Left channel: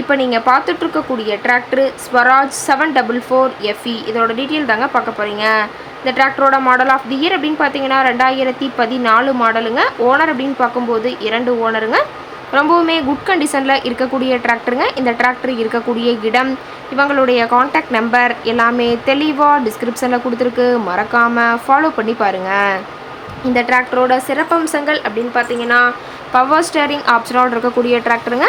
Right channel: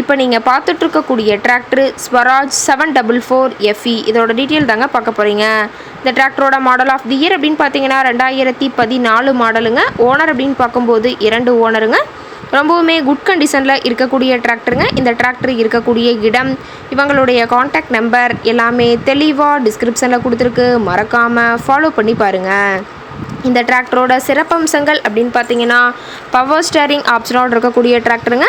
இப்போ நீங்கள் பார்த்துட்ருக்கக்கூடிய tractor Swaraj seven double four FE இதோட டீட்டெயில் தாங்க பார்க்க போகிறீங்க இந்த டிராக்டரோட மாடல் ஆஃப் தி இயர் அப்படின்னு பார்த்தீங்கன்னா ரெண்டாயிரத்தி பதினாலு மாடலுங்க ஓனர் அப்படின்னு பார்க்கும்போது இரண்டு ஓனருங்க ரொம்பவுமே குட் கண்டிஷனில் இருக்கக்கூடிய டிராக்டருங்க இந்த டிராக்டர் இருக்கக்கூடிய இடம் இவங்களுடைய காண்டாக்ட் நம்பர் எல்லாமே தெளிவாக டிஸ்கிரிப்ஷனில் கொடுத்துருக்கு. மறக்காமல் ஃபாலோ பண்ணி பாருங்கள் இந்த டிராக்டரோட சிறப்பம்சங்கள் அப்படின்னு பார்த்தீங்கன்னா பவர் ஸ்டேரிங் ஆப்ஷனோடு இருக்கக்கூடிய டிராக்டருங்க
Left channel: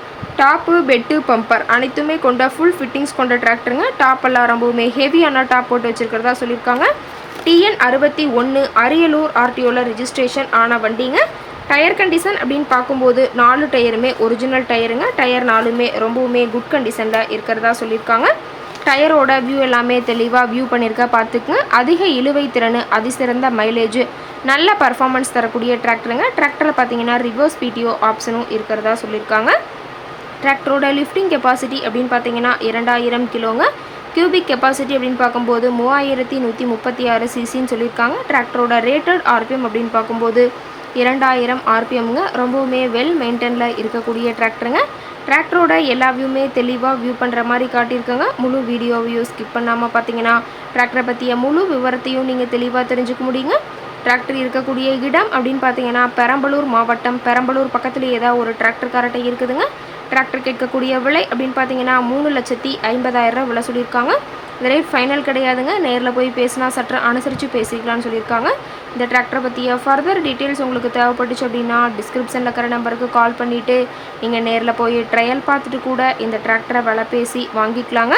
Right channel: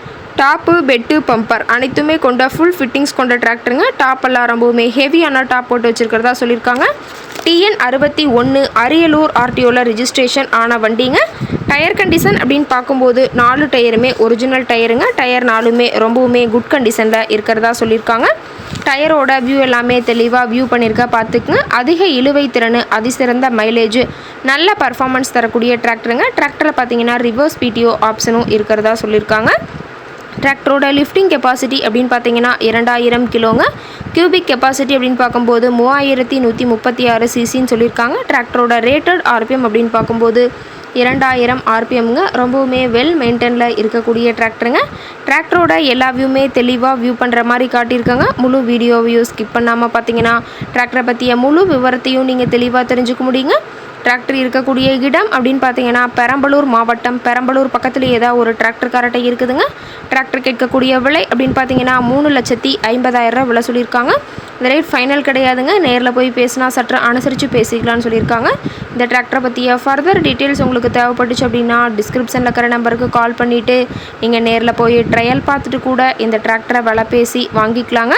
டாப்பு பெட்டு பம்பர் அனைத்துமே கொண்ட ஃபுல் ஃபிட்டிங்ஸ் கொண்ட டிராக்டருங்க டாப் எல்லாம் ரொம்பவுமே ஹெவியான டாப் போட்டு வச்சுருக்கிறதா சொல்லியிருக்காங்க. டிஎன் அறுபத்தி ஒன்று அரியலூர் ஆர்டிஓவில் ரிஜிஸ்ட்ரேஷன் ஆன வண்டிங்க. டயர் கண்டிஷன் அப்படின்னு பார்க்கும்போது நாலு டயருமே ஒரிஜினல் டயருங்க டயர் நாலுமே ரொம்பவுமே குட் கண்டிஷனில் இருக்கிறதா சொல்லியிருக்காங்க. டயரோட வியூ எல்லாமே தெளிவாக வியூ பண்ணியிருக்கா பார்த்துக்குங்க. அதிக இழுவை திறன் அதிசிறந்த மைலேஜ் நல்ல பர்ஃபார்மன்ஸ் தரக்கூடிய டிராக்டருங்க டிராக்டரை பார்த்தீங்கன்னா ரிவர்ஸ் பிடிஓ ஆப்ஷனும் இருக்கிறதா சொல்லியிருக்காங்க. டிராக்டரோட லிஃப்டிங் கெப்பாசிட்டி அப்படின்னு பார்த்தீங்கன்னா இரண்டாயிரம் கிலோங்க. கியூபிக் கெப்பாசிட்டி அப்படின்னு பார்க்கும்போது மூவாயிரத்தி நூற்றி முப்பத்தி ஆறு சிசின்னு சொல்லியிருக்காங்க. டிராக்டரோட ரேட்டட் ஆர்பிஎம் அப்படின்னு பார்க்கும்போது இரண்டாயிரம் ஆர்பிஎம்ங்க ரொம்பவுமே வெல் மெயின்டெனில் இருக்கக்கூடிய டிராக்டருங்க டிராக்டரோட எல்லா வியூமே தெளிவாக வியூ பண்ணுற மாதிரி காட்டியிருக்காங்க. முழு வீடியோவையும் ஸ்கிப் பண்ணாமல் பார்த்தீங்கன்னா டிராக்டரை பற்றிய முழு விவரத்தையும் நீங்கள் தெளிவாக தெரிஞ்சுக்க முடியுங்க. டிராக்டர் இருக்கக்கூடிய இடம் அப்படின்னு பார்த்தீங்கன்னா பெரம்பலூர் மாவட்டம். பெரம்பலூர் பக்கத்தில் ஏதாவது ஒரு டிராக்டர் இருக்குதுங்க. டிராக்டர் கேட்கக்கூடிய விலை அப்படின்னு பார்த்தீங்கன்னா மூணு லட்சத்தி ஐம்பதாயிரரூவா விலை சொல்லியிருக்காங்க. இந்த ரேட் ஃபைனல் கிடையாதுங்க. நேரில் போய் பேசினா சற்று அனுசரித்து பேசிக்கலாம்னு சொல்லியிருக்காங்க. இந்த டிராக்டரை பற்றிய ஃபர்தர் டீட்டெயில்ஸ் உங்களுக்கு தேவைப்பட்டுச்சு அப்படின்னா டிஸ்கிரிப்ஷனில் இருக்கிற நம்பருக்கு கால் பண்ணிவிட்டு நீங்கள் நேரில் போய் ட்ரையல் பார்த்துட்டு கூட இந்த டிராக்டரை விலை பேசி வாங்கிக்கலாங்க.